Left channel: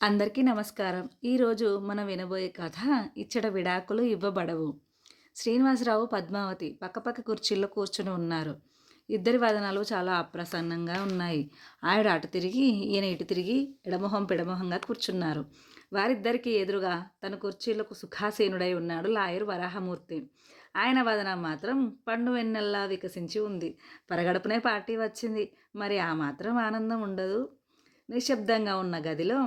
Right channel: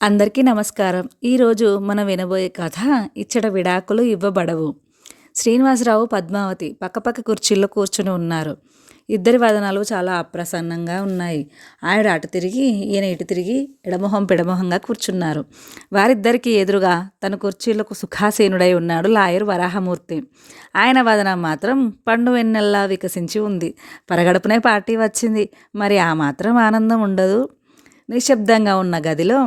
అందరికీ నమస్కారం. ఈరోజు మనం వినబోయే కథ ఇచ్చట విడాకులు ఇవ్వబడవు. శ్రీనివాసరావు, పద్మావతి పక్కపక్క కుర్చీల్లో కూర్చుని ఉన్నారు. ఇద్దరి వదనాలు చాలా అప్రసన్నంగా ఉన్నాయి. ఆవిడ అటు తిరిగి, ఈయన ఇటు తిరిగి ఎడమొహం పెడమొహంగా కూర్చున్నారు. వారిద్దరికీ ఎదురుగా తన కుర్చీలకు సుఖాసీనుడై ఉన్నాడు లాయర్ వరాహమూర్తి. ఆయన వదనం మాత్రం పండు వెన్నెల్లా వికసించి ఉంది. పరగడుపునే పార్టీ వచ్చింది. మరి ఆ మాత్రం ఆనందం ఉండదు? నిశ్శబ్దంగా ఉన్న గదిలో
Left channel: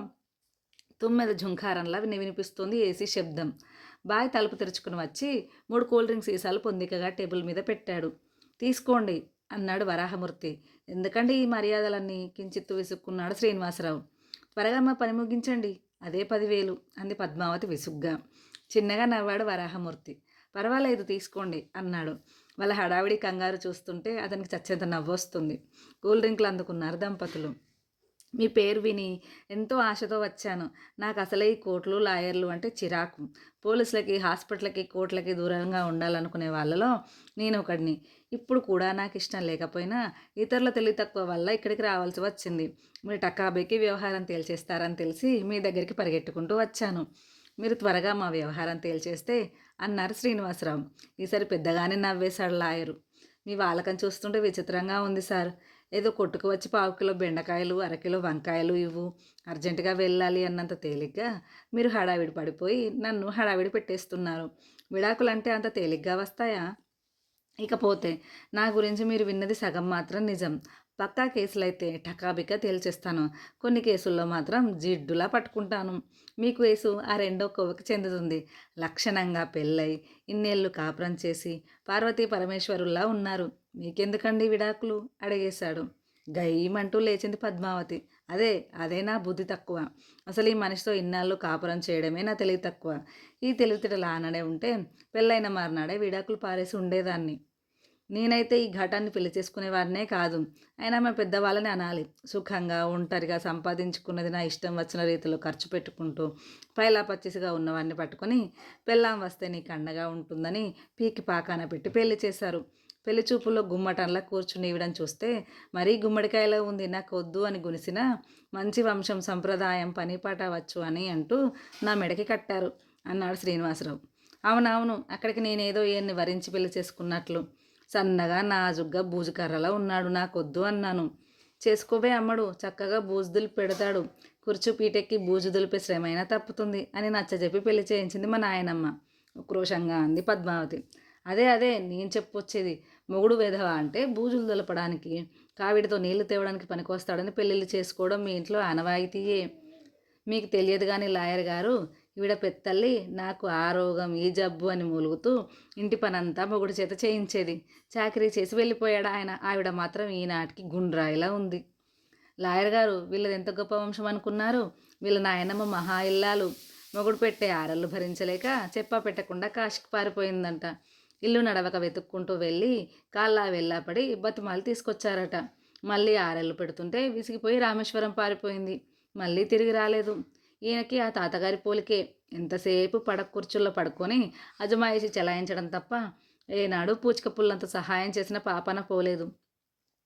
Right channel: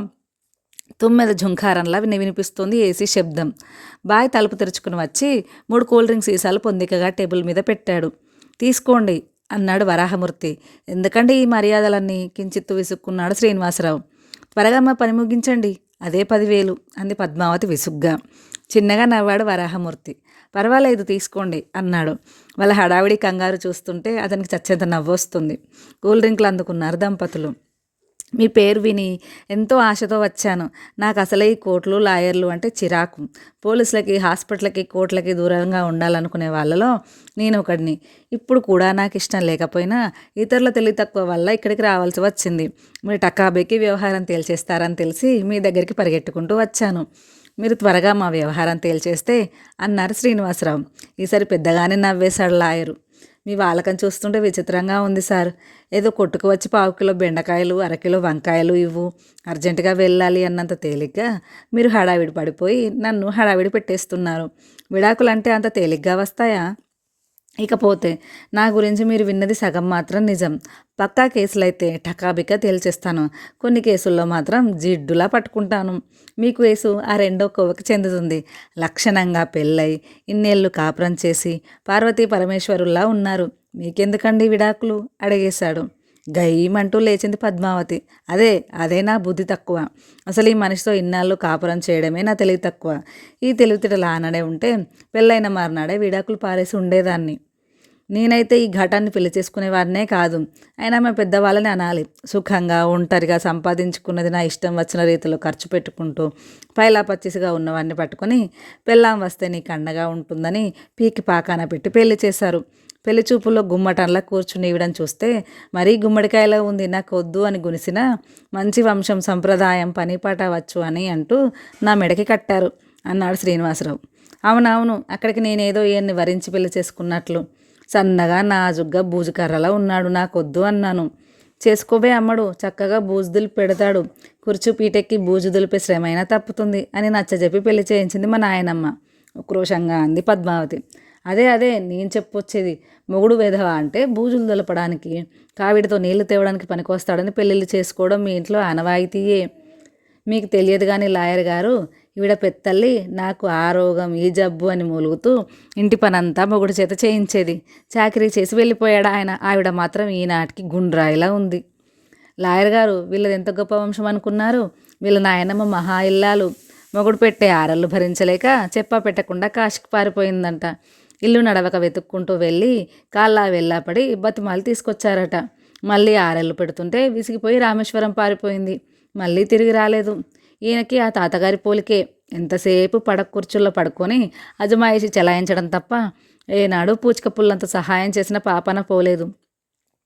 తుమ్మెద ఝుంకారంలా వినిపిస్తుంది ఏసీ శబ్దం. బాయ్ తలుపు తెరుచుకుని వచ్చి 3 కూల్ డ్రింక్ సీసాలు పొందికగా టేబుల్ మీద పెట్టాడు. తీసుకోండి అన్నాడు వరాహమూర్తి. ఎందుకండి ఈ మర్యాదలన్నీ? కించిత్తు విసుక్కున్నాడు శ్రీనివాసరావు. త్వరగా మా పని ముగించండి, అదే 10,000 అంది పద్మావతి విసుగ్గా. చిన్నగా నవ్వాడు వరాహమూర్తి. పర్వాలేదు తీసుకోండి అన్నాడు. వాళ్ళ హడావిడి కంగారు చూస్తుంటే అతనికి చచ్చేంత నవ్వొస్తుంది. కూల్ డ్రింక్లు అందుకున్నారు దంపతులు. మీ పేరు విని ఎంతో ఆశతో వచ్చాను. నాకు అసలే ఈ కోర్టులు, లాయర్లు అంటే చిరాకు. పోలీసులకి, హాస్పిటల్కి, కోర్టులకి దూరంగా ఉండాలనుకునే వాళ్ళలో నేను ఒకడిని. ఇప్పుడు కూడా నాకు ఇష్టం లేకపోయినా ఇతరుల తెలివి తక్కువ వల్ల ఇక్కడికి రావాల్సి వచ్చింది. మీరు టకాబేకి వ్యవహారం తేల్చేస్తారని తెలిసి మీ దగ్గరికి పరిగెట్టుకుంటూ వచ్చాను. మీరు త్వరగా మా వ్యవహారం తేల్చేస్తే అన్నారు శ్రీనివాసరావు. ఈసారి పెద్దగానే నవ్వేశాడు లాయరు. మీ వాళ్ళకని చూస్తుంటే విచిత్రంగా ఉంది సార్. ఏదో కొట్టుకు వచ్చి 1/4 కిలో బెండకాయలు, 1/2 కిలో వంకాయలు ఇవ్వు, అర్జెంటుగా వెళ్ళాలి అన్నంత తేలిగ్గా మీరు హడావిడి పడిపోయి నన్ను హడావిడి పెట్టేస్తున్నారు. విడాకులంటే అంత తేలిగ్గా వస్తాయా? ఇకపోతే నా గురించి మీరు విన్నది సగం మాత్రం నిజం. పక్కా కేసులైతే టకాబికా తేల్చేస్తాను. కొన్ని కేసుల్లో మాత్రం జిడ్డులా పట్టుకుంటాను. మీ కేసు ఆ రెండో కోవకి చెందుతుంది. లక్షణంగా పెళ్ళై ఇన్నేళ్ళు కాపురం చేసి పార్వతీ పరమేశ్వరుల్లా ఉన్నారు. మీకెందుకండి విడాకులు? అడిగేశాడు. గయ్యమంటూ లేచింది పద్మావతి. అదే నా బుద్ధి తక్కువ. అసలు ఈ మనిషితో ఇన్నాళ్ళు కాపురం చేయడమే నా తెలివి తక్కువ. ఈ తెలివితేటలు ఆనడే ఉంటే పెళ్ళైన మర్నాడే విడాకులు పారేసి ఉండేదాన్ని. నేనైతే ఈ ఘటాన్ని పెళ్లి చేసుకునేవాడినే కాదు. అయినా మా పెద్దవాళ్ళని అనాలి. సుఖంగా ఒంటరిగా సంపాదించుకున్నది నా ఇష్టం వచ్చిన రీతిలో ఖర్చు పెట్టుకుంటూ పైలా పచ్చిసిగా ఉన్నవాడిని పట్టుకొని పెళ్ళాం వస్తే నీకు అండగా ఉంటుందని పీకి పాకాన పెట్టి పెళ్లి చేశారు. పెళ్లి చూపుల్లో గుమ్మటంలా కూర్చుని ఇవ్వడం చూస్తే మరీ గుమ్మడికాయలా ఉంది. నాకు వద్దు అని గునిసిన మంచి వంశం, సంప్రదాయం, పనిపాట వచ్చు అని అంటూ నా మెడకి కట్టారు అన్నాడు శ్రీనివాసరావు. అవునవును, అక్కడికి నేనేదో ఈయన్ని వరించి పెళ్లి చేసుకున్నట్లు. సన్నగా నాజుగ్గా బూజుకర్రలా ఉన్నాడు. నాకొద్దు అన్నాను. చేసుకోబే అమ్మడు, చక్కగా బూజు దులిపి పెడతాడు. కుర్చీ పీటెక్కి బూజు దులిపే శ్రమైనా తప్పుతుంది అని నచ్చజెప్పి పెళ్లి చేయించింది మా నాయనమ్మ ఉక్రోషంగా అంది పద్మావతి. అదే నేను చెప్పొచ్చేది. మొగుడు వెధవ అంటే బూజులు దులపడానికి, కావిడితో నీళ్లు తేవడానికి పనికొస్తాడని పెళ్ళిళ్ళు చేసుకోవడం మీ ఇంట్లో ఆనవాయితీయే. మీకు తెలియదు కానీ లాయర్ గారు, ఈవిడ పెత్తల్లి నాకు ఆ రోగం, ఈ జబ్బు అని మూలుగుతూ ఇంటి పనంతా మొగుడు చేత చేయించేది. చాకరీ చేసి వెళ్ళిపోయాడు ఆయన. ఆవిడ మాత్రం ఈనాటికి గుండ్రాయిలా ఉంది. లాయర్ గారు, వీళ్ళది ఎంత గొప్ప వంశం అనుకున్నారు? వీళ్ళ నాయనమ్మ మహా ఇల్లాలు. మొగుడు పెట్టే ఆరళ్ళు భరించలేక చెప్పా పెట్టకుండా కాశీకి పారిపోయిందంట. ఇల్లు నడవక వెతుక్కుంటూ వెళ్ళి కాళ్ళా వెళ్ళాపడి బతిమాలి తీసుకొచ్చారట. మళ్ళీ ఆరెళ్ళు పెడుతుంటే విసిగిపోయి రామేశ్వరం పారిపోయింది. మళ్ళీ తిరిగి రాలేదు. ఈయనకి ఆ తాతగారి పోలికే. ఎంతసేపు పడక కుర్చీల్లో పడుకొని అజమాయిషి చెలాయించడం తప్ప ఏనాడు పూచిక పుల్లంత సహాయం చేసిన పాపన పోలేదు.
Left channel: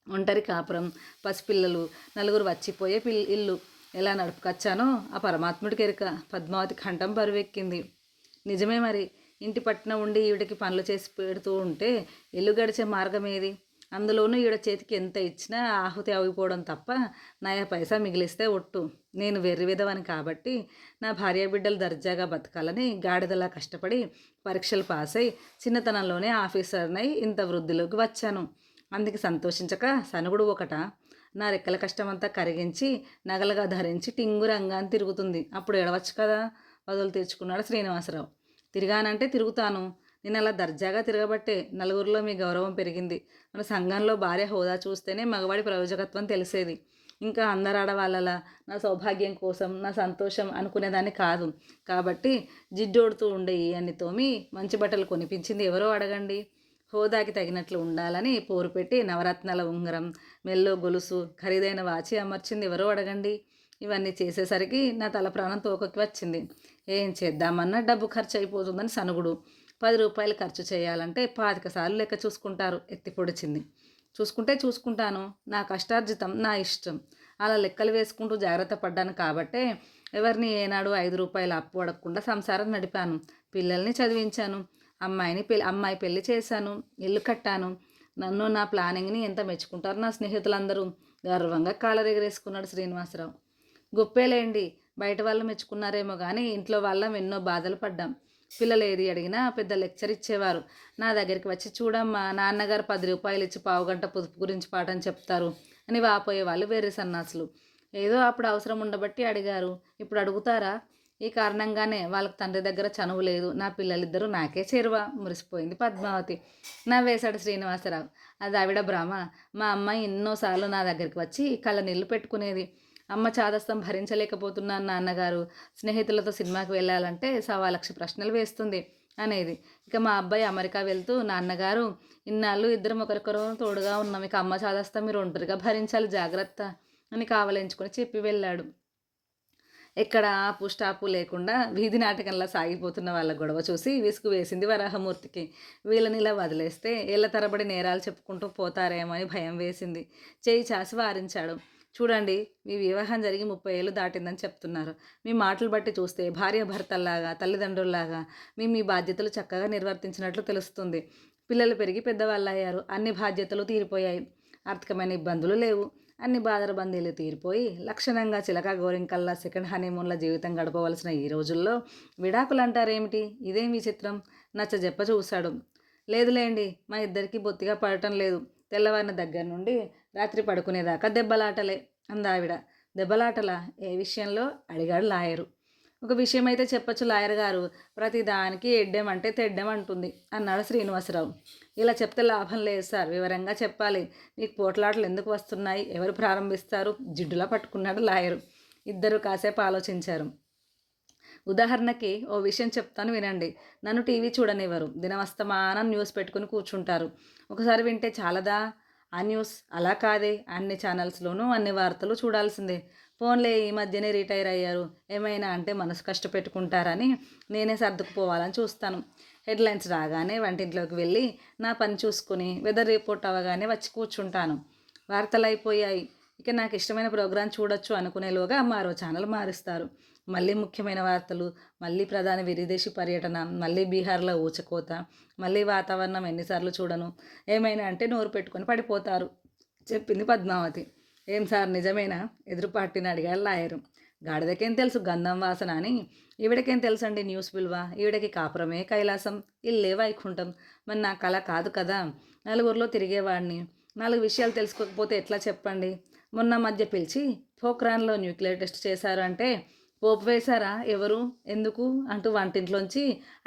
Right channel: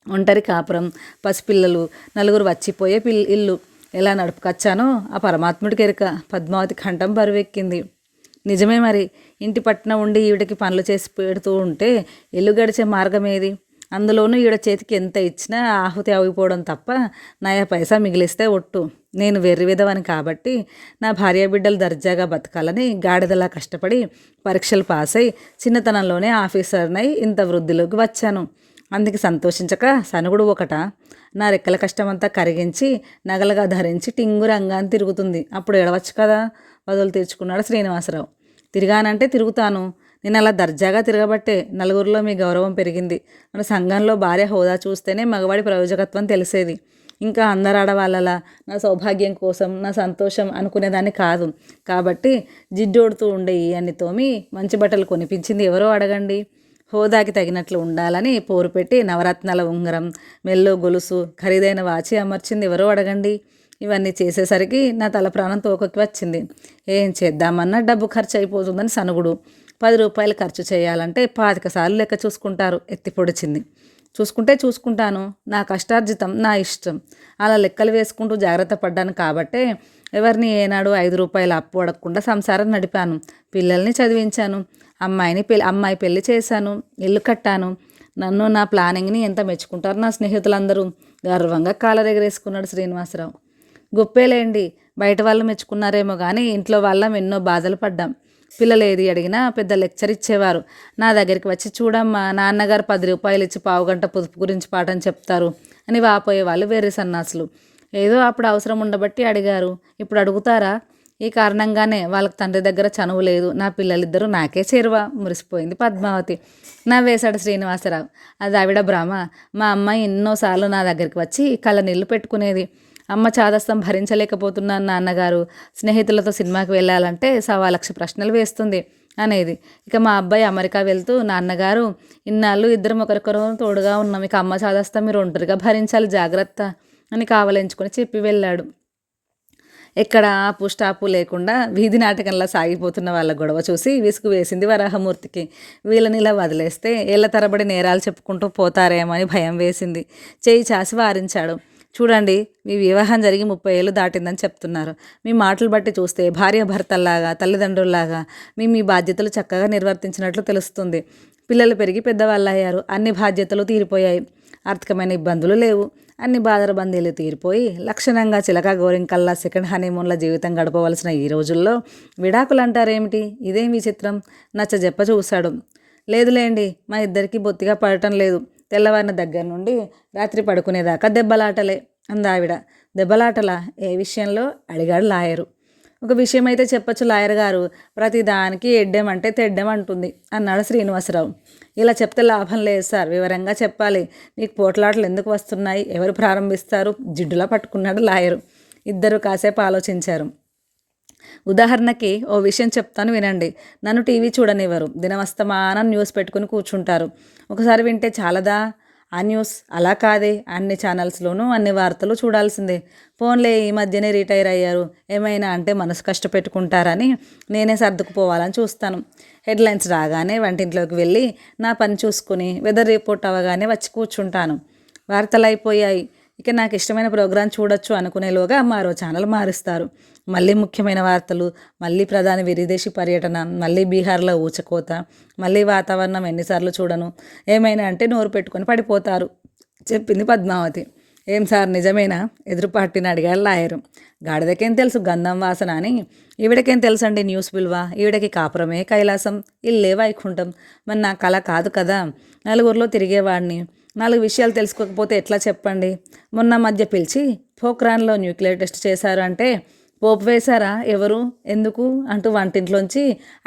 ఒంటరి కాపురం, పసిపిల్లలు, నలుగురు వచ్చిపోయే ఇల్లు ఎలా నడుపుకొచ్చానో ఆ పరమాత్ముడికి ఎరుక. పద్మావతి కంఠం బరువెక్కింది. నిజమే మరి. ఇంటి పట్టున ఉండి ఈవిడకి పనులు చేసి పెడుతూ ఉంటే ఇల్లు గడిచే మార్గం ఏది? అందులోనూ ఈవిడ చేతికి ఎంత ఇచ్చినా ఆహుతి అవిపోవడం తప్ప నయా పైసా మిగిలిస్తే ఒట్టు. నేను వెర్రి విధవని కాబట్టి నా భార్య బిడ్డలు దర్జాగా బతకాలని గాడిదలా కష్టపడి పరీక్షలు పాస్ అయి చిన్నతనంలోనే ఆఫీసర్నై ఇంత వృద్ధిలోకి వచ్చాను. అందుకు సంతోషించక సనుగుడు ఒకట. నా రెక్కల కష్టమంతా కరిగించి నగలుగా ధరించి టింగు రంగాన్ని తిరుగుతుంది. అప్పుడు ఎడవచ్చు కదా? వదులు తీర్చుకున్నాడు శ్రీనివాసరావు. తిరిగానంటే తిరుగుతాను. నేను అలా దర్జాగా తిరగబట్టే నలుగురిలో మీ గౌరవం పెరిగింది. మన సంఘంలో భార్య హోదా చూస్తేనే మగవాడి ప్రయోజకత్వం తెలిసేది. ఇంకా అందరు ఆడవాళ్ళలా నా సౌభాగ్యం కోసం, నా సంతోషం అనుకునేదాన్ని కాదు. కాబట్టి జిడ్డోడుతూ ఉండే ఈ అన్ని తోమి మంచి బట్టలు కొనిపించింది ఎవరో అడగండి. హోదాకి తగినట్లు ఉండాలని పోరు పెట్టి నవరత్నాల ఉంగరం, మెల్లో గొలుసు, ఖరీదైన వాచి అమర్చింది ఎవరో అడగండి. ఇవన్నీ చేసేసరికి నా తల ప్రాణం తోకకి వచ్చింది. ఏం చేద్దామన్నా డబ్బు ఖర్చు అయిపోతుందని సనుగుడు. 10 రూపాయలు ఖర్చు చేయాలంటే 25 సార్లు లెక్క చూసుకుంటారు. ఎత్తి పొడిచింది. చూసుకుంటే చూసుకుంటాను, నా కష్టార్జితం నా ఇష్టం అలా లెక్కలు వేసుకుంటూ జాగ్రత్త పడ్డాను కాబట్టే ఎవరిని ఏనాడు 5 రూపాయలు అప్పు అడగకుండా సంసారం నడిపాను. పిల్లల్ని చదివించాను, అమ్మాయి పెళ్లి చేశాను, ఇల్లు కట్టాను. నన్ను నా ప్లానింగ్ని ఎంత మెచ్చుకుంటారు నా స్నేహితులందరూ. గర్వంగా కాలరెగరేసుకున్నాడు శ్రీనివాసరావు. గొప్పేలేండి, బయట వాళ్ళు మెచ్చుకున్నారేమో కానీ ఇంట్లో వాళ్ళం ఎన్నో బాధలు పడ్డాం. పిల్లలు ఏది అడిగినా పెద్ద లెక్చర్ ఇచ్చేవారు. నా దగ్గరికి వచ్చి చూడమ్మా, నాన్నగారు 10 రూపాయలు ఇచ్చి పావుగంట పొదుపు గురించి పాఠం చెప్తారు అని వాపోయేవాళ్ళు వేరే సన్నాసులు. ఏదో అప్పుడు అవసరం ఉండబట్టి అడిగారు, ఇప్పుడు అడుగుతారా? ఈ కారణంగానే వాళ్ళకి తండ్రి దగ్గర చనువు లేదు. నా పిల్లలిద్దరూ నాకే చేరువ. మురిసిపోయింది పద్మావతి. నవ్వేశాడు శ్రీనివాసరావు. అది ఆవిడ భ్రమ. మా అమ్మాయి ఎన్నోసార్లు నా దగ్గరికి వచ్చి కళ్ళ నీళ్ళు పెట్టుకునేది. అమ్మ చాదస్తం భరించలేకపోతున్నాను నాన్నగారు, స్నేహితులతో సినిమాకి వెళ్ళాలంటే 1,00,000 ప్రశ్నలు వేస్తుంది అనేది. ఇక మా అబ్బాయి అమెరికా వెళ్తూ, నాన్నగారు ఇన్నాళ్ళు ఇద్దరం ఒకరికొకరు తోడుగా ఉన్నాం, ఇక అమ్మ చాదస్తం మీరు ఒంటరిగా భరించాలి, జాగ్రత్త అని కావలించుకొని చెప్పి వెళ్ళాడు. ఎక్కడ ఆపు స్టాపు లేకుండా వీధి నాటకంలా సాగిపోతున్న వాళ్ళ గొడవ చూసి విసుగు వేసింది వరాహమూర్తికి. వీళ్ళని ఇలా వదిలేస్తే ఏళ్ల తరబడి నేరాలు చెప్పుకుంటూ పోతారేమో అని భయం వేసింది. చేయి చాసి వారించాడు. చూడండి, మీ వివాహం జరిగి 30 ఏళ్ళు దాటిందని చెప్తున్నారు. మీ మాటలు బట్టి చూస్తే భార్యాభర్తల్లాగా, తల్లిదండ్రుల్లాగా మీ బాధ్యతలు చక్కగా నిర్వర్తించినట్లు తెలుస్తుంది. పిల్లలు పెరిగి పెద్దవాళ్ళయ్యారు, అన్ని బాధ్యతలు తీరిపోయాయి, ఆర్థికమైన ఇబ్బందులు లేవు, అన్ని బాదరబందీలు తీరిపోయి లక్షణంగా చిలక గోరింకల్లా సెకండ్ హనీమూన్ల జీవితం గడపవలసిన ఈ రోజుల్లో విడాకులు అంటారేమిటి? ఇదేం విచిత్రం? నచ్చజెప్ప చూశాడు. లేదులేండి, మా ఇద్దరికీ బొత్తిగా పడటం లేదు. తెల్లవారిన దగ్గర నుండి రాత్రి పడుకునేదాకా దెబ్బలాటలే అందావిడ. దెబ్బలాటలా? ఏ విషయంలో? అడిగాడు లాయరు. ఒక విషయం అయితే చెప్పచ్చు లాయర్ గారు, ప్రతిదానికి ఎడ్డెమంటే తెడ్డెమంటుంది అన్నాడు శ్రీనివాసరావు. ఇలా చెప్తే లాభం లేదు సార్, వివరంగా చెప్పాలి. మీకు పోట్లాటలు ఎందుకు వస్తున్నాయి? ఎవరు ప్రారంభిస్తారు? జిడ్డులా పట్టుకున్నాడు లాయరు. ఇద్దరు కాసేపు ఆలోచించారు. ఉదాహరణకి ఓ విషయం చెప్తాను వినండి. నన్ను టీవీ చూడనివ్వరు, దినమస్తమానం న్యూస్ పెట్టుకుని కూర్చుంటారు. ఒకసారి వింటే చాలదా ఆ న్యూస్? అలా కాదే, అన్ని ఛానల్స్లోనూ అన్ని వార్తలు చూడాల్సిందే. ఫోన్లే, ఈ మధ్యనే రిటైర్ అయ్యారు, ఏమైనా అంటే మనసు కష్టపెట్టుకుంటారని నేనే సర్దుకుపోవాలని చూస్తాను. హెడ్లైన్స్ రాగానే వంటింట్లోకి వెళ్ళి నా పని చూసుకుని వెదర్ రిపోర్ట్ అవ్వగానే వచ్చి కూర్చుంటాను. వార్తలు అయిపోయాయి, ఇక నాకు ఇష్టమైన ప్రోగ్రాం చూడొచ్చు అనుకునేలోగా మరో ఛానల్ మారుస్తారు. మళ్ళీ ముఖ్యమైన వార్తలు, మళ్ళీ ప్రధాని విదేశీ పర్యటన, మళ్ళీ బీహార్లో ఊచకోత, మళ్ళీ వాతావరణం. ఎన్నిసార్లు చూడను? ఏమైనా అంటే నోరు పెట్టుకొని పడిపోతారు చెప్పింది పద్మావతి. ఏం సార్ నిజమేనా? ఎదురుపార్టీని అడిగాడు లాయరు. గాడిదకేం తెలుసు గంధం వాసన అని. ఈవిడకేం తెలుసండి న్యూస్ విలువ? ఈవిడకి కాపురమే కైలాసం, ఇల్లే వైకుంఠం. మరి నా కళ కాదు కదా, నలుగురిలో తిరిగేవాడిని. 4 విషయాలు తెలుసుకోకపోతే ఎట్లా చెప్పండి? మొన్న మధ్య పిలిచి పోఖ్రాన్లో న్యూక్లియర్ టెస్ట్ చేశారు అంటే పోపు వేశారా? ఎవరు? ఎందుకు అంటూ వంటింట్లోంచి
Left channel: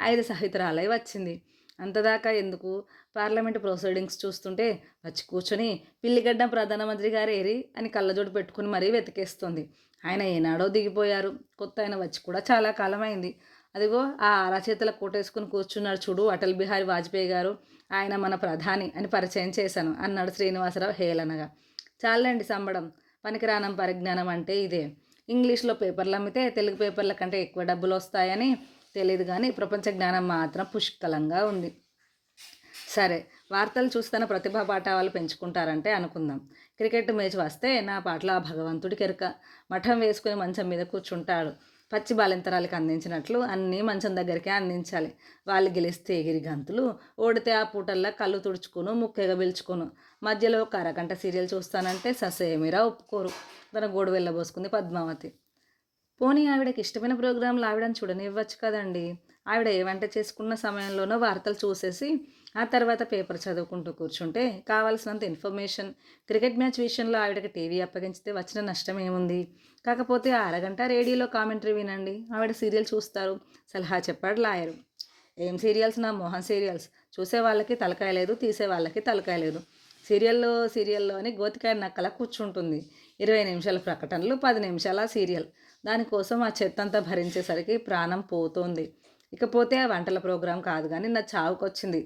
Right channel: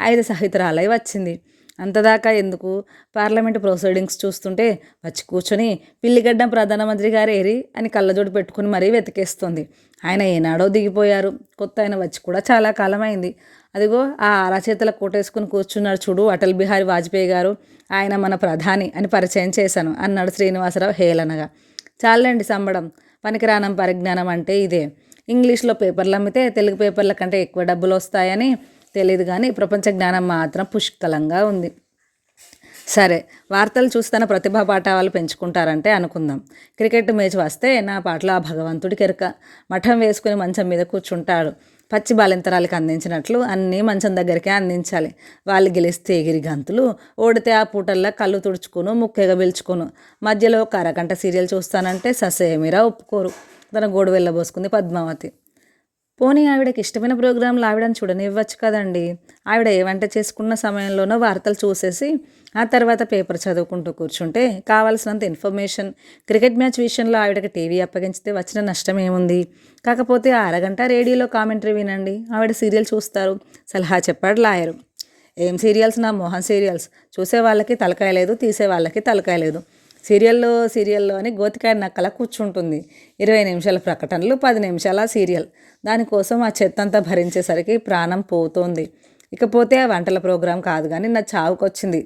5 సహితురాలై వచ్చింది. అంతదాకా ఎందుకు? పార్లమెంటు ప్రొసీడింగ్స్ చూస్తుంటే వచ్చి కూర్చొని పిల్లిగడ్డం ప్రధానమంత్రి గారు ఏరి అని కళ్ళజోడు పెట్టుకుని మరీ వెతికేస్తుంది. ఆయన ఏనాడో దిగిపోయారు, కొత్త ఆయన వచ్చి కూడా చాలా కాలమైంది. అదిగో ఆ అరచేతుల కోటేసుకుని కూర్చున్నాడు చూడు, అటల్ బిహారీ వాజ్పేయి గారు, ఆయన మన ప్రధాని అని పరిచయం చేశాను అన్నాడు శ్రీనివాసరావు హేళనగా. చాలండి సంబడం, పనికిరానం పరిజ్ఞానం అంటే ఇదే. ఇంగ్లీష్లో పేపర్లు అమ్మితే తెలుగు పేపర్ల కంటే ఎక్కువ డబ్బులు వస్తాయని తెలియదు కానీ ప్రపంచ జ్ఞానం మాత్రం పుష్కలంగా ఉంది. సరే, వార్తలు చూస్తున్న ప్రతిభా పాఠవాలు పెంచుకుంటారంటే అనుకుందాం. క్రికెట్ మ్యాచ్ వస్తే నా పాటలో ఆ భగవంతుడికి ఎరుక. మఠం వేసుకుని మంచం మీద కూర్చుంటాడు. పచ్చి బాలింతరాలకు అందించినట్లు అన్నీ మంచం దగ్గరికే అందించాలి. వాళ్ళు గెలిస్తే ఎగిరి గంతులు, ఓడితే ఆ పూటల్లో కళ్ళు తుడుచుకును, ముక్కెగా పిలుచుకును. మధ్యలో ఒక అరగంట సీరియల్ చూస్తానంటే ససేమిరా ఒప్పుకోరు. తన గోడు వెళ్ళబోసుకుంది పద్మావతి. పోనీ ఆవిడకి ఇష్టమైన ప్రోగ్రాంలు ఆవిడని చూడనివ్వచ్చు కదండి. ఆవిడ ఏ వంట చేసుకున్న సమయంలోనో వార్తలు చూసేసి ఆ తర్వాత పేపర్ చదువుకుంటూ కూర్చుంటే కావాల్సినంత ఇన్ఫర్మేషన్. క్రికెట్ మ్యాచ్ విషయంలో ఆవిడకి టీవీ అప్పగించితే వచ్చిన నష్టం ఏముంది? కాకపోతే ఆ అరగంట రేడియోలో కామెంటరీ వినండి, ఆవిడ సీరియల్ చూస్తారు సలహా చెప్పాడు లాయరు. ఏం సీరియల్స్? నా మోహన్ సీరియల్స్. చూసే వాళ్ళకి తలకాయ లేదు, తీసే వాళ్ళకి తలకాయ లేదు. సీరియల్లో అని గోతికాయ నక్కలా కూర్చుంటుంది. 20 నిమిషాల ప్రకటనలు, 10 నిమిషాల సీరియల్. దానికోసం ఆ చెత్తంతా భరించేసరికి ప్రాణం పోతోంది. ఇకపోతే ఆ వంటల ప్రోగ్రాం కాదు కానీ నా చావుకొచ్చింది.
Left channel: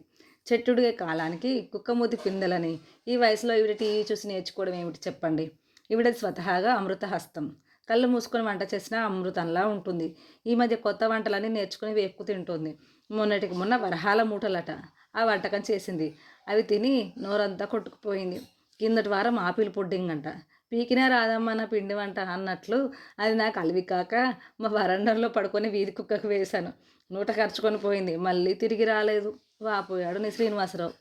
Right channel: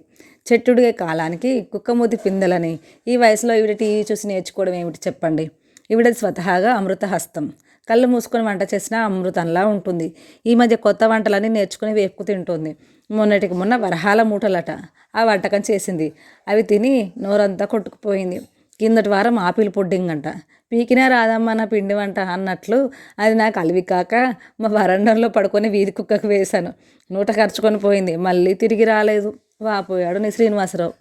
చెట్టుడిగే కాలానికి కుక్కమూతి పిందెలని. ఈ వయసులో ఈవిడ టీవీ చూసి నేర్చుకోవడం ఏమిటి చెప్పండి? ఈవిడది స్వతహాగా అమృత హస్తం. కళ్ళు మూసుకొని వంట చేసినా అమృతంలా ఉంటుంది. ఈ మధ్య కొత్త వంటలన్నీ నేర్చుకుని వేపుకు తింటుంది. మొన్నటికి మొన్న వరహాల మూటలట ఆ వంటకం చేసింది. అవి తిని నోరంతా కొట్టుకుపోయింది. కిందటి వారం ఆపిల్ పుడ్డింగ్ అంట. పీకినా రాదమ్మా నా పిండి వంట అన్నట్లు అది నాకు అలివి కాక మా వరండంలో పడుకొని వీధి కుక్కకు వేశాను. నూట ఖర్చుకొని పోయింది, మళ్ళీ తిరిగి రాలేదు. వాపోయాడు నీ శ్రీనివాసరావు.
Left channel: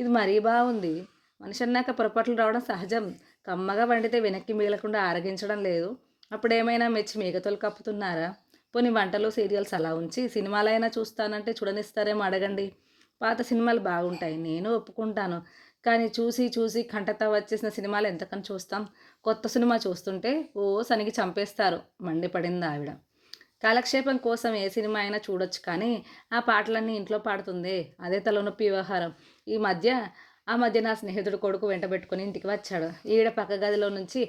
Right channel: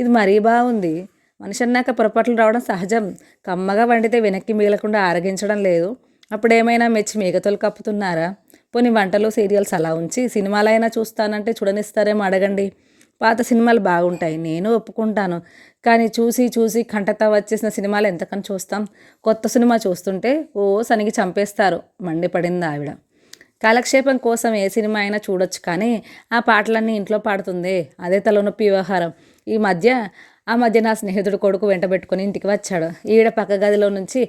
ఇది మరీ బాగుంది. మనిషి అన్నాక పొరపాట్లు రావడం సహజం. కమ్మగా వండితే వెనక్కి మిగలకుండా ఆరగించడం లేదు. అప్పుడేమైనా మెచ్చి మిగతలు కప్పుతున్నారా? పోనీ వంటలు సీరియల్స్ అలా ఉంచి సినిమాలైనా చూస్తానంటే చూడనిస్తారేమో అడగండి. పాత సినిమాలు బాగుంటాయి, నేను ఒప్పుకుంటాను. కానీ చూసి చూసి కంటతా వచ్చేసిన సినిమాలు ఎంతకని చూస్తాం? కొత్త సినిమా చూస్తుంటే ఓ సనిగి చంపేస్తారు, మండిపడింది ఆవిడ. కాలక్షేపం కోసం ఏ సినిమా అయినా చూడొచ్చు, కానీ ఆ పాటలన్నీ ఇంట్లో పాడుతుందే, అదే తలనొప్పి వ్యవహారం. ఆ మధ్య నా స్నేహితుడు కొడుకు వెంటబెట్టుకుని ఇంటికి వచ్చాడు. ఈవిడ పక్క గదిలో నుంచి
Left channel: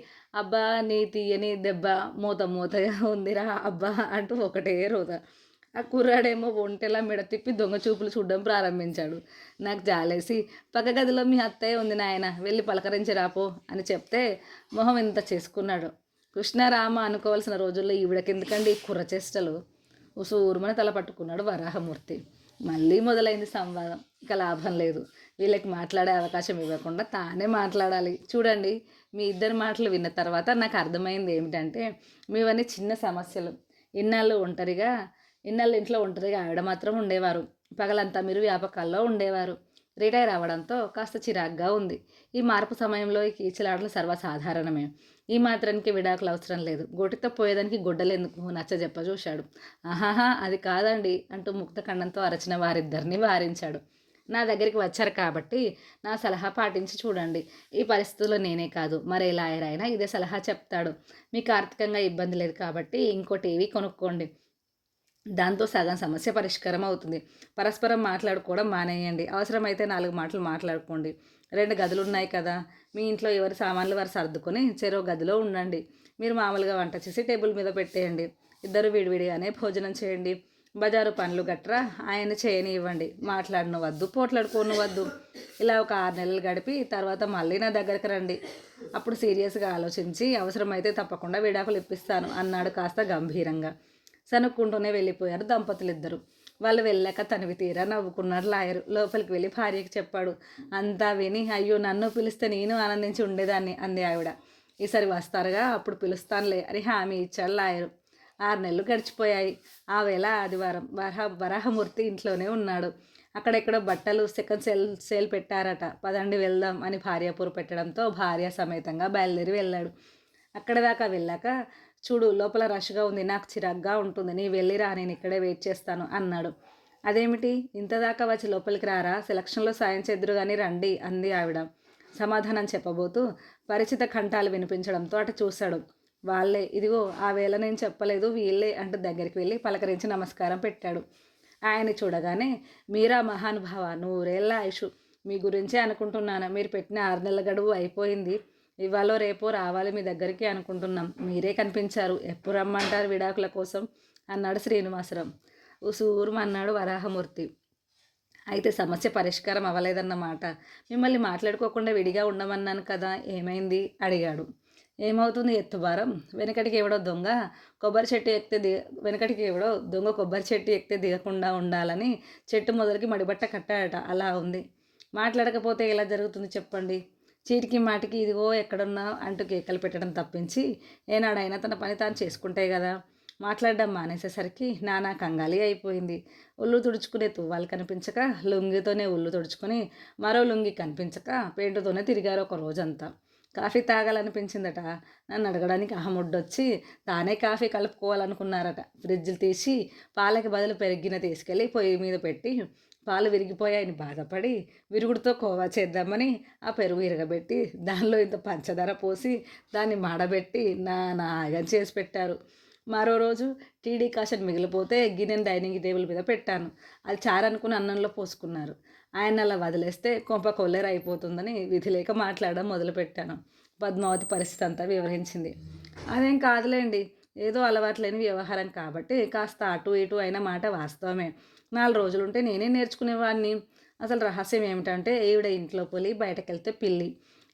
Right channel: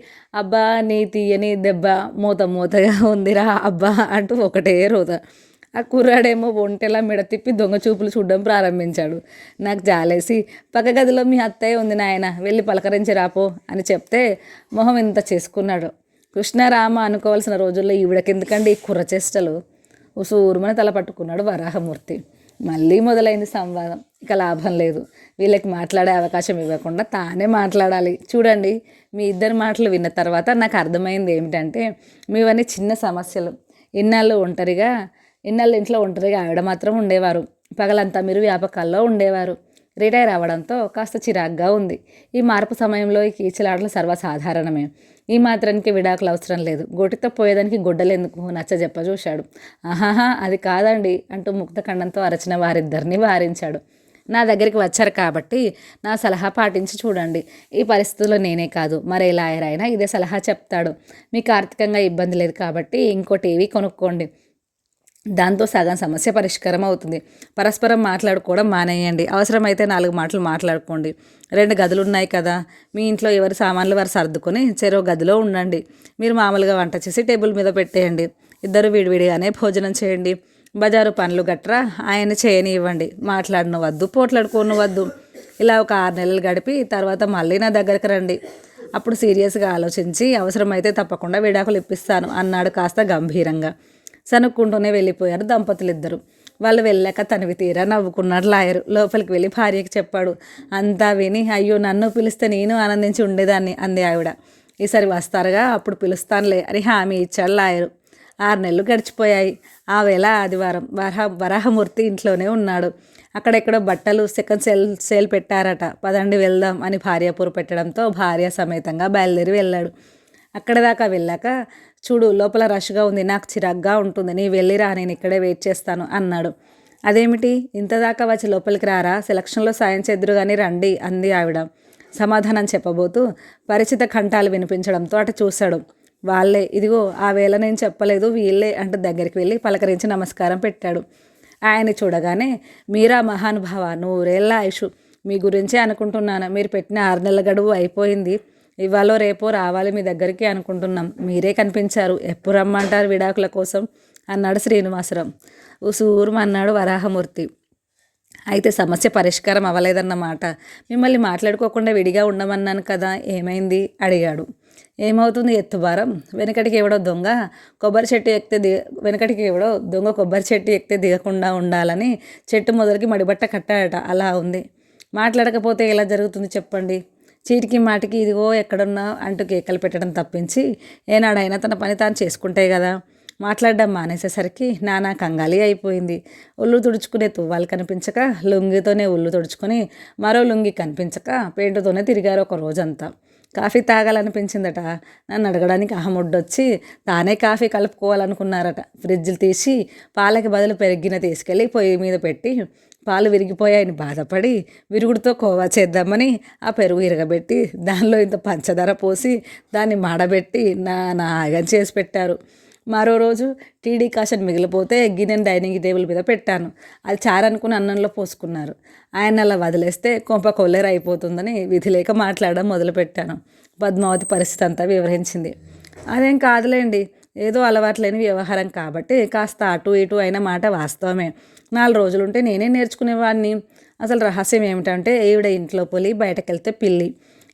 అబ్బా నీ తీయని దెబ్బ మూత మూతగా ఉందిరా అబ్బా అంటూ ఒకటే రోత. ఆ కుర్రాడేమో ఒంటెలా మెడ తిప్పి దొంగ చూపులు చూడడం ప్రారంభించాడు. నాకు జాలేసి పక్క గదిలో మీ అత్తయ్య ఉంది నాయన, వెళ్ళి పలకరించి రాపో అని చెప్తే మొహం ఇంత చేసుకున్నాడు. కృష్ణారామ అనుకోవాల్సిన రోజుల్లో ఈవిడకెందుకండి ఈ కుర్రచేష్టలు? ఉసూరుమని తల పట్టుకున్నాడు వరాహమూర్తి. మళ్ళీ మొదలైంది సంవాదం. ఇక లాభం లేదు. వీళ్ళకి మాట్లాడే అవకాశం ఇవ్వకుండా తానే మాట్లాడాలి. చూడండి, మీ ఇద్దరి మాటలు విన్న తర్వాత నాకు అర్థమైంది ఏమిటంటే, మీవన్నీ చిన్న సమస్యలు. ఇన్నాళ్ళు ఇంట్లో ఒంటరిగా ఆవిడ మాత్రం ఉండేవారు. పగలంతా మీరు వ్యాపకాల్లో ఉండేవారు. రిటైర్ అవ్వడంతో కాస్త చిరాగ్గా ఉంది. ఈ మార్పు సమయంలో ఈ కీచులాటలు సర్వసాధారణమే. ఈ మాత్రానికి విడాకులు అవసరం లేదు. గోటితో పోయేదానికి గొడ్డలెందుకు నచ్చ చెప్ప చూశాడు. ఆహాహా అది కాదండి అంటూ ముక్తఖండంతో అరచిన వారిద్దరిని వారించాడు. నా దగ్గరికి వచ్చారు కాబట్టి నా సలహా పాటించి చూడండి. ఈ పరిస్థితుల్లో నేనే కాదు, మరే లాయర్ అయినా ఇదే సలహా చెప్తాడు. మీకు ఆర్థికంగా ఇబ్బంది లేదు కాబట్టి ఇంకో టీవీ కొనుక్కోండి. దాంతో సగం సమస్య పరిష్కారం అవుతుంది. పరస్పరం మాట్లాడుకోవడం మానేయండి. అవసరమైతే 4 మాటలు మాట్లాడుకోండి. 2 గదులు ఉన్నాయి కదా, మీ ఇంట్లో ఎవరి సామాన్లు వారు సర్దుకొని చెరో గదిలో ఉండండి. మీరు మామూలుగా వంట చేసి టేబుల్ మీద పెట్టేయండి. ఇద్దరు విడివిడిగానే భోజనం చేయండి. బజారు పనులు గట్రా ఆయన చేయనివ్వండి. మాట్లాడనవద్దు, పోట్లాడుకోనవద్దు. ఇలా ఒక 6 నెలలు గడిపి తర్వాత మళ్ళీ నా దగ్గరకు రండి. అప్పుడు సీరియస్గా ఆలోచించి అవసరమైతే తప్పకుండా విడాకులు ఇప్పిస్తాను అన్నాడు కాస్త గంభీరంగా. సనుక్కుంటూనే వెళ్ళిపోయారు దంపతులిద్దరూ. వాళ్ళు వెళ్ళాక తనివి తీరా నవ్వుకున్నాడు లాయరు. లోపలికి వెళ్ళి భార్యకి చెప్పాడు. అంతా విని అయ్యో నన్ను పిలిస్తే నేను ఆనందించి ఉండేదాన్ని అంది ఆవిడ. ఈసారి వస్తారుగా, అప్పుడు పిలుస్తానులే అని హామీ ఇచ్చాడు లాయరు. 6 నెలలు గడిచిపోయాయి. ఆ వేళ ఆదివారం. వరాహమూర్తి ఇంట్లోనే ఉన్నాడు. అక్కడెక్కడో బట్టలు సెకండ్ సేల్ పెట్టారట. పదండి వెళ్దాం అని భార్య పూరు పెట్టడంతో భార్య సమేతంగా బయలుదేరి వెళ్ళాడు. అక్కడ దాకా వెళ్ళాక చూడు లోపల రష్గా ఉంది, నాకు చిరాగ్గా ఉంటుంది, నీ వెళ్ళిరా, నేను ఇక్కడే వెయిట్ చేస్తాను అన్నాడు. అదేమిటి ఇంత దాకా వచ్చి లోపలికి రారా, సెలక్షన్లో సాయం చేద్దురు కానీ రండి అంది ఆవిడ. సమాధానం చెప్పబోతూ పరిచిత కంఠాలు వినిపించడంతో అటు చూశాడు. వాళ్ళే, ఇదిగో ఆ వేళ నేను చెప్పలేదు వీళ్ళే అంటూ దగ్గరికి వెళ్ళి పలకరించి నమస్కారం పెట్టాడు. ఆయన్ని చూడగానే మీరా మహానుభావ, 100 ఏళ్ల ఆయుష్, మీ గురించే అనుకుంటున్నాను. మీరు పెట్టిన 6 నెలల గడువు అయిపోయింది. ఇవాళ రేపో రావాలి మీ దగ్గరికి అనుకుంటున్నాం. మీరే కనిపించారు. ఎప్పుడు రమ్మంటారు విడాకుల కోసం అన్నాడు శ్రీనివాసరావు. ఉసూరుమన్నాడు వరాహమూర్తి. అయితే సమస్య పరిష్కారం అవ్వలేదన్నమాట. మిమ్మల్ని మాట్లాడుకోకుండా విడిగా ఉండమన్నాను కదా, ఏమైంది అడిగాడు. ఏమవుతుంది ఎత్తుబారం. వెనకటికి ఎవడో దొంగ కొబ్బరి చెట్టు ఎక్కితే దిగకుండా ఉండాలని చెట్టు మొదలకి మడిబట్ట కట్టాడట. అలా ఉంది. మాట్లాడకపోతే ఎలా జరుగుతుంది చెప్పండి. చీటికి మాటికి ఇదిగో ఎక్కడున్నా అంటూ కేకలు పెట్టడం తప్పించి ఏనాడైనా తన పని తాను చేసుకుంటే కదా. మాట్లాడడం మానేసేసరికి నానా కంగాలి అయిపోయింది. ఒళ్ళు తుడుచుకునే తువ్వాలు కనిపించక లుంగితోనే ఒళ్ళు తుడుచుకొని మరో లుంగి కనిపించక పెయింటుతోనే తిరిగారు ఒక రోజంతా. కాఫీ తాగాలనిపించిందట. నన్ను అడగడానికి అహముడ్డొచ్చి తానే కాఫీ కలుపుకోవాలనుకున్నారట. ఫ్రిడ్జ్లు తీసి పాలకి బదులు పెరిగిన తీసుకెళ్ళి పొయ్యి మీద పెట్టి పాలు విరిగిపోయాయని బాధపడి విరుగుడుతో కోవా చేద్దామని ఆ పెరుగు ఇరగబెట్టి దానిలో ఇంత పంచదార పోసి దాన్ని మాడబెట్టి నాగం చేసి పెట్టారు. మరో రోజు టీడీ కాషన్ మిగిలిపోతే గిన్నెను డైనింగ్ టేబుల్ మీద పెట్టాను. అది చారనుకుని అన్నంలో పోసుకున్నారు. ఆయన అలా వదిలేస్తే కొంప కొల్లేరు అయిపోతుందని విధి లేక మాట్లాడడం మొదలుపెట్టాను. పద్మావతి పరిస్థితి అంతా వివరించింది. అదేం కాదులేండి, ఏదో అలవాట్లేని వ్యవహారం కాబట్టి కాస్త అటు ఇటు అయిన మాట వాస్తవమే. 4 రోజులుంటే నేనే నేర్చుకునేవాడిని. అసలు రహస్యం ఏమిటంటే ఈవిడ ఇంట్లో పులి, బయటకెళ్తే పిల్లి.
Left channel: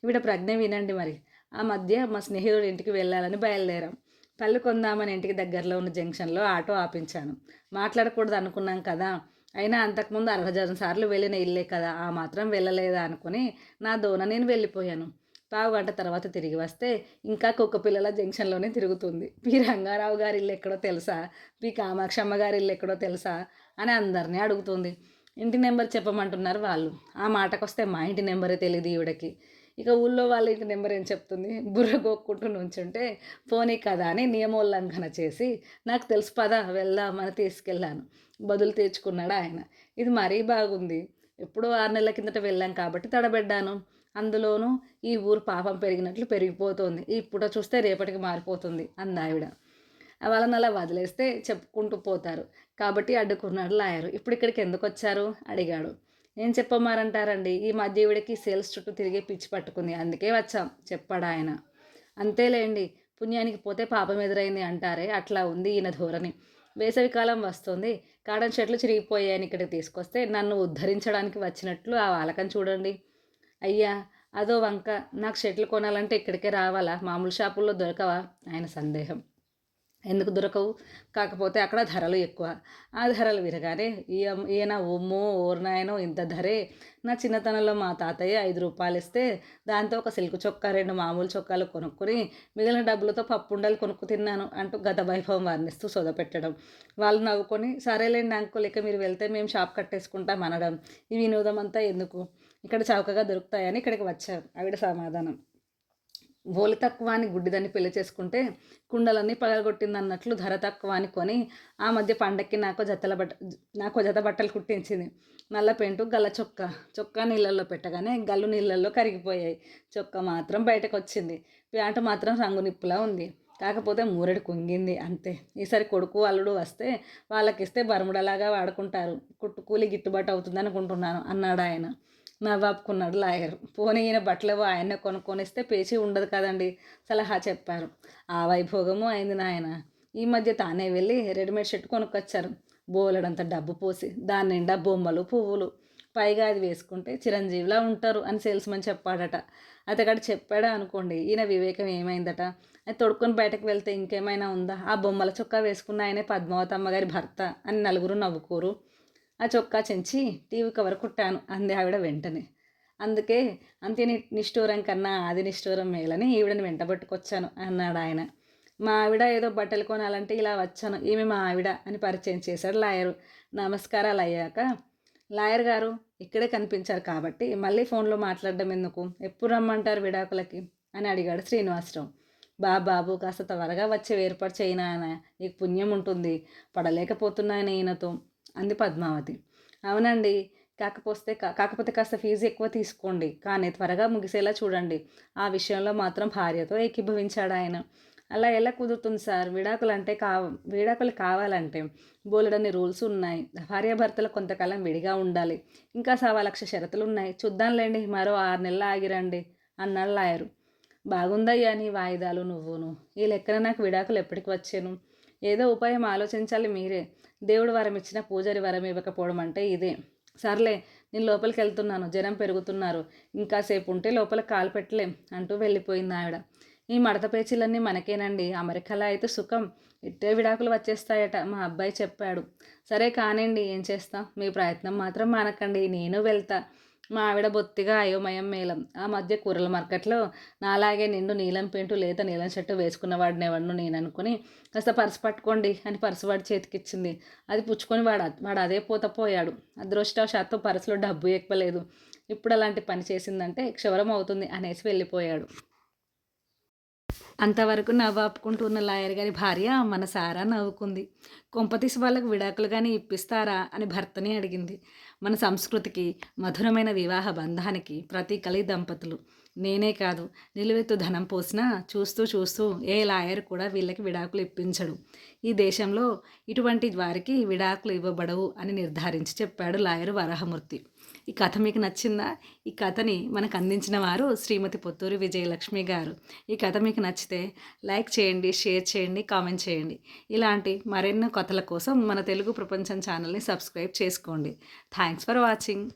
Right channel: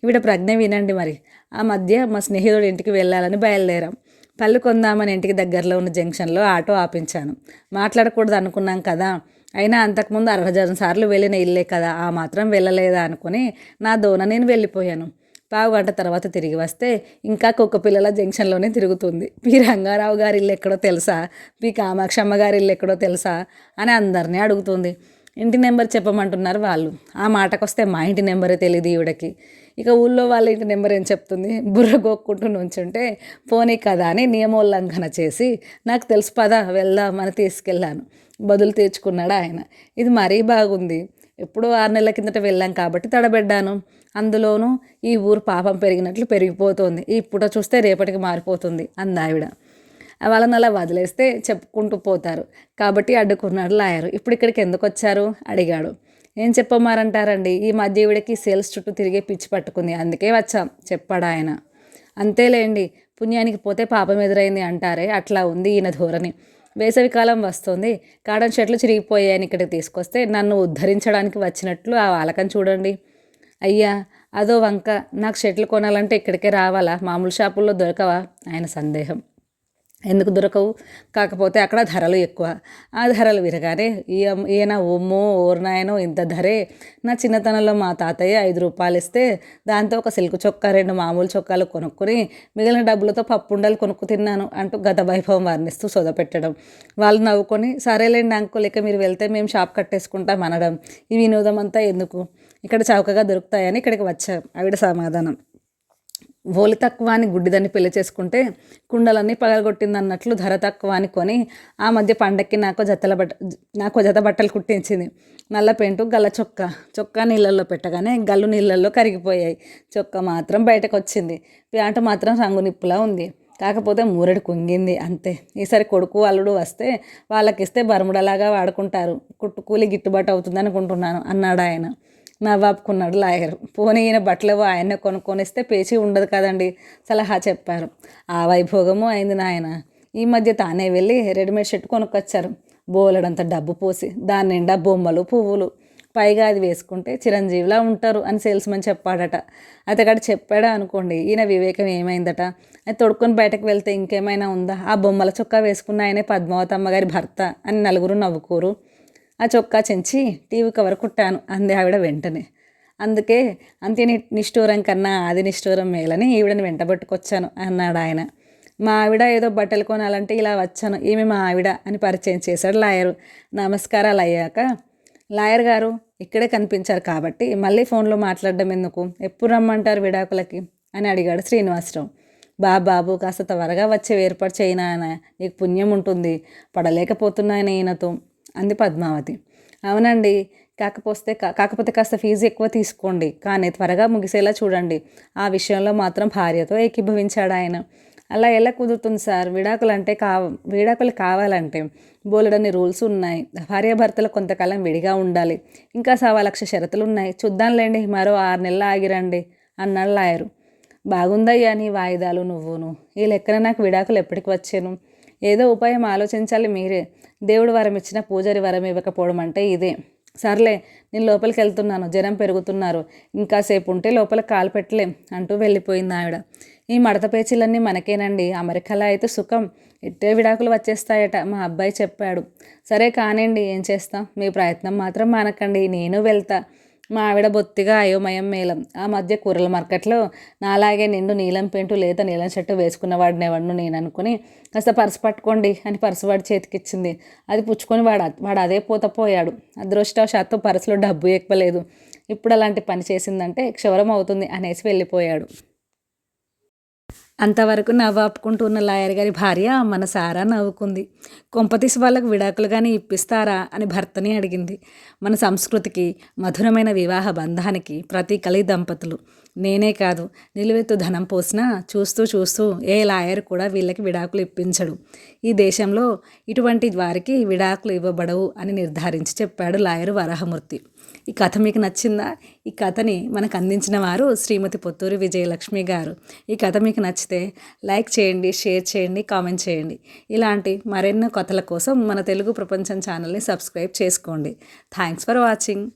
ఈవిడ ప్రజ్ఞ వినండి మరి. ఆ మధ్య మా స్నేహితుడి ఇంటికి వెళ్ళాలని బయలుదేరాం. పళ్ళు కొందామని ఇంటికి దగ్గరలో ఉన్న జంక్షన్లో ఆటో ఆపించాను. మాట్లాడకూడదు అనుకున్నాం కదా, అయినా అంతకుముందు 60 సార్లు వెళ్ళిన ఇల్లే కదా, ఆ మాత్రం వెళ్ళలేదా అనుకుని నా దోన నేను వెళ్ళిపోయాను. పావుగంట తర్వాత తిరిగి వస్తే ఇంకా కుక్కపిల్లల జంక్షన్లోనే తిరుగుతుంది. పి రంగారావు గారి ఇల్లు ఎక్కడో తెలుసా, పి కామాక్షమ్మ గారి ఇల్లు ఎక్కడో తెలుసా అని అందరినీ అడుగుతుంది. ఇంటి నెంబర్ చెప్పమంటున్నారు వాళ్ళు. ఆ మాటకొస్తే మా ఇంటి నెంబరే తెలియదు ఈవిడకి. ఇక ఊళ్ళో వాళ్ళ ఇంటి నెంబర్ ఏం చెప్తుంది? బుర్ర గోక్కుంటూ నుంచుంటే పోనీ కదా అని నియమోల్లంఘన చేసి నాకు తెలుసు పదా వెళ్దామని తీసుకెళ్ళాను. బదులు తీర్చుకున్నాడు ఆయన. ఇది మరీ బాగుంది. ఎప్పుడో 6 నెలల కిందట వెళ్ళాం కాబట్టి తడబెడ్డాను. అందులోనూ ఈ ఊరు పాపం పెరిగినట్లు పెరిగిపోతుంది. ఇప్పుడు చూస్తే రేపటికి మారిపోతుంది అందావిడ. వాళ్ళని అలా వదిలేస్తే చెప్పుకుంటూ పోతారు కాబట్టి అడ్డుకున్నాడు లాయరు. ఇప్పుడు ఇక్కడికి ఎందుకు వచ్చారు అడిగాడు. ఏం చెప్పమారంటారండి, ఈ మధ్య ఈవిడకి సేల్స్ చుట్టూ తిరిగే పిచ్చి పట్టుకుంది, అందుకే వచ్చాం చెప్పాడు ఆయన. అంతేలేండి, పుణ్యానికి పోతే పాపం ఎదురైంది అంటారే, అట్లా ఉంది ఈయన ధోరణి. వేసవికాలం వస్తుంది, కాటన్ షర్ట్లు చిరిగిపోయాయని ఇక్కడికి తీసుకొస్తే నన్ను ఉద్ధరించడానికి వచ్చినట్లు ఆ వాలకం చూడండి. అయ్యా అదో వంక, నాకు షర్ట్లు కొనాలంటే ఇక్కడికే రావాలా, మామూలు షాపుల్లో దొరకవా ఆయన సందేహం. ఎందుకు దొరకవు, కాకపోతే అక్కడ ధరలు ఎక్కువ. ఆ ధరలు విరగానే ఈయన ఓమ్మో ఓర్నాయనో ఇంత ధరే, నా చిన్నతనంలో మా తాతయ్య 5 రూపాయలు ఇస్తే దాంతో ఒక సిల్క్ చొక్కా 2 మామూలు చొక్కాలు కొనుక్కొని మిగిలిన డబ్బులతో పప్పుండలు కొనుక్కు తిన్నాను అంటూ గత వైభవం వర్ణిస్తూ సొదపెట్టడం. వాళ్ళు నవ్వుకొని సరేలేండి అంకుల్, ఇక మీరు వెళ్తే మేము షాప్ కట్టేసుకుంటాం అనడం. ఈ వినోదం అంతా ఎందుకు, ఇక్కడ చౌకగా దొరుకుతాయని ఇక్కడికి వచ్చాం ఆవిడ సమాధానం. ఓలి తక్కువ అని గుడ్డిదాన్ని పెళ్లి చేసుకుంటే కుండలన్నీ పగలగొట్టిందన్నట్లు ధర తక్కువ అని కొని ఆ మధ్య పండక్కి నాకు జత బట్టలు కుట్టించింది. నల్ల పెంటు గల్ల చొక్కా నీళ్ళల్లో పెట్టగానే గల్లు నీళ్ళల్లో కరిగిపోయాయి. చొక్కా మాత్రం బయటకు వచ్చింది. ప్యాంటు మాత్రం రంగు నిప్పులా ఉంది. కాకపోతే మూరెడు కుంగింది అంతే. ఈసారి కొడుకు అల్లుడు వస్తే వాళ్ళకిస్తే బర్ముడలాగా వాడుకుంటారు, కుట్టుకూలి గిట్టుబాటు అవుతుంది అనుకుంటున్నాను అన్నాడు ఆయన. నవ్వాపుకున్నాడు లాయర్. పోనీ ఈయన బట్టలేవో ఆయన్నే కొనుక్కొనిస్తే పేచీ ఉండదు కదండి సలహా చెప్పారు. ఆ వైభోగము అయింది నాయన. ఈ మధ్య తానే వెళ్ళి రెడీమేడ్ షర్ట్ కొనుక్కొచ్చారు, బోలెడంత డబ్బు పోసి. దాని నిండా బొమ్మలు పువ్వులు, పైగా అది వేసుకుంటే చిరంజీవిలా ఉంటారు అని సేల్స్మెన్ చెప్పాడట. అతగాడు చెప్పాడా అనుకోండి, ఈయన వివేకం ఏమైందట. అది తొడుక్కొని బయటకు వెళ్తే ఇంకేమైనా ఉందా, ఆ బొమ్మల చొక్కా వేసుకున్న ఆయనే పద్మావతమ్మ గారి భర్త అని నలుగురు నవ్వుకోరు. ఆ చొక్కా చెంచి టీవీ కవర్ కుట్టాను అంది ఆవిడ వెంటనే. అందుకే అంత్య నిష్ఠూరం కన్నా ఆది నిష్ఠూరం మేలని ఈవిడని వెంటబట్టుకొచ్చాను అన్నాడు ఆయన. మా ఆవిడ ఏదో బట్టలు కొనాలంటే ఇలా వచ్చాను, ఈమె మా ఆవిడ అని పరిచయం చేశాడు లాయరు. నమస్కారాలు అయ్యాక, లాయర్ గారు ఇక్కడే కనిపించారు కాబట్టి మళ్ళీ ఫోన్లో మాట్లాడడం ఎందుకు, ఎప్పుడు రమ్మంటారు విడాకులకి అని అడిగాడు శ్రీనివాసరావు. బాబు కాస్త త్వరగా వచ్చే ఏర్పాటు చేయనా, నీకు పుణ్యం ఉంటుంది, పడలేకపోతున్నాయని ఈయనతో అంది పద్మావతి. అవునండి, కాకపోతే కాస్త ఫీజు ఎక్కువ తీసుకోండి, కానీ త్వరగా ముగిసేలా చూడండి. ఆ విషయంలో మాత్రం భార్యతో ఏకీభవించాడు ఆయన. అలా ఎలా కుదురుతుంది సార్, విడాకులు కావాలంటే బోలెడన్ని రూల్స్ ఉన్నాయి. భార్యాభర్తలు కొంతకాలం విడిగా ఉండాలి, ఇంకా 1,00,000 షరతులు ఉన్నాయి. చూద్దాంలేండి, మరో 6 నెలలు ఆగిరండి అన్నాడు లాయరు. బాగుందయ్యా నీ వాయిదాలు నువ్వును. ఈ లెక్కన నాకు విడాకులు ఎప్పటికి వచ్చాను. ఏదో ఉపాయం ఆలోచించాలి మీరే. దేవుడు వరం ఇచ్చిన పూజారి వరం ఇవ్వకపోవడం అంటే ఇదే. సర్లే, నేను లోపలికి వెళ్తున్నాను, జనం పెరుగుతున్నారు, ఇంకాసేపు ఉంటే లోపల కాలు పెట్టలేం అంటూ వెళ్ళిపోయింది ఆవిడ. ఈ మడత పేచీలన్నీ మనకేనండి, అమెరికాలో అయితే సుఖం, ఇట్టే విడాకులు వచ్చేస్తాయట మా అబ్బాయి చెప్పాడు. సరే కానివ్వండి, ఏం చేస్తాం, మీ ప్రయత్నం మాత్రం మానకండి, నేను వెళ్తా. మా ఆవిడ బొత్తిగా అయోమయం మేళం. ఆ మధ్య కూరల మార్కెట్లో నాలాగే నిండు నీలం పెయింటు లేత నీలం షర్టు వేసుకున్నవాడిని ఎవడను నేను అనుకుని కాస్త పర్సు పట్టుకోండి అని పర్సు వాడి చేతికిచ్చింది. అది పుచ్చుకొని వాడు అదే పోయాడు. అదృష్టవశాత్తు పర్సులో డబ్బు ఎక్కువలేదు. ఇప్పుడు అలాంటి పని చేసిందంటే క్షవరం అవుతుంది అనేసి వెళ్ళిపోయాడు. అంతవరకు నవ్వాపుకుంటూ ఉన్న లాయర్ గారి భార్య మనసారా నవ్వుకుంది. కొంపతీసి వాళ్ళకు విడాకులు కానీ ఇప్పిస్తారా అని భర్తని అడిగింది. మన సంస్కృతికి, మధురమైన వివాహ బంధానికి ప్రతీకలు దంపతులు. నేనే కాదు, నిలువెత్తు ధనం పోసినా చూస్తూ ఏ లాయర్ కూడా వీళ్ళకి విడాకులు ఇప్పించడు. ఈ దేశంలో ఇటువంటి వారికి విడాకులు ఇవ్వబడవు అని నిర్ధారించి చెప్పాడు లాయరు వరాహమూర్తి. ఈ కథ మీకు నచ్చిందా? ఈ కథని మనకు అందించిన వారు శ్రీమతి పొత్తూరి విజయలక్ష్మి గారు. ఈ కథ మీకు నచ్చితే లైక్ చేయండి, షేర్ చేయండి, కామెంట్ చేయండి. ఇలాంటి మరెన్నో కథల కోసం మన తెలుగు ప్రపంచం ఛానల్ని సబ్స్క్రైబ్ చేసుకోండి. Thanks for watching.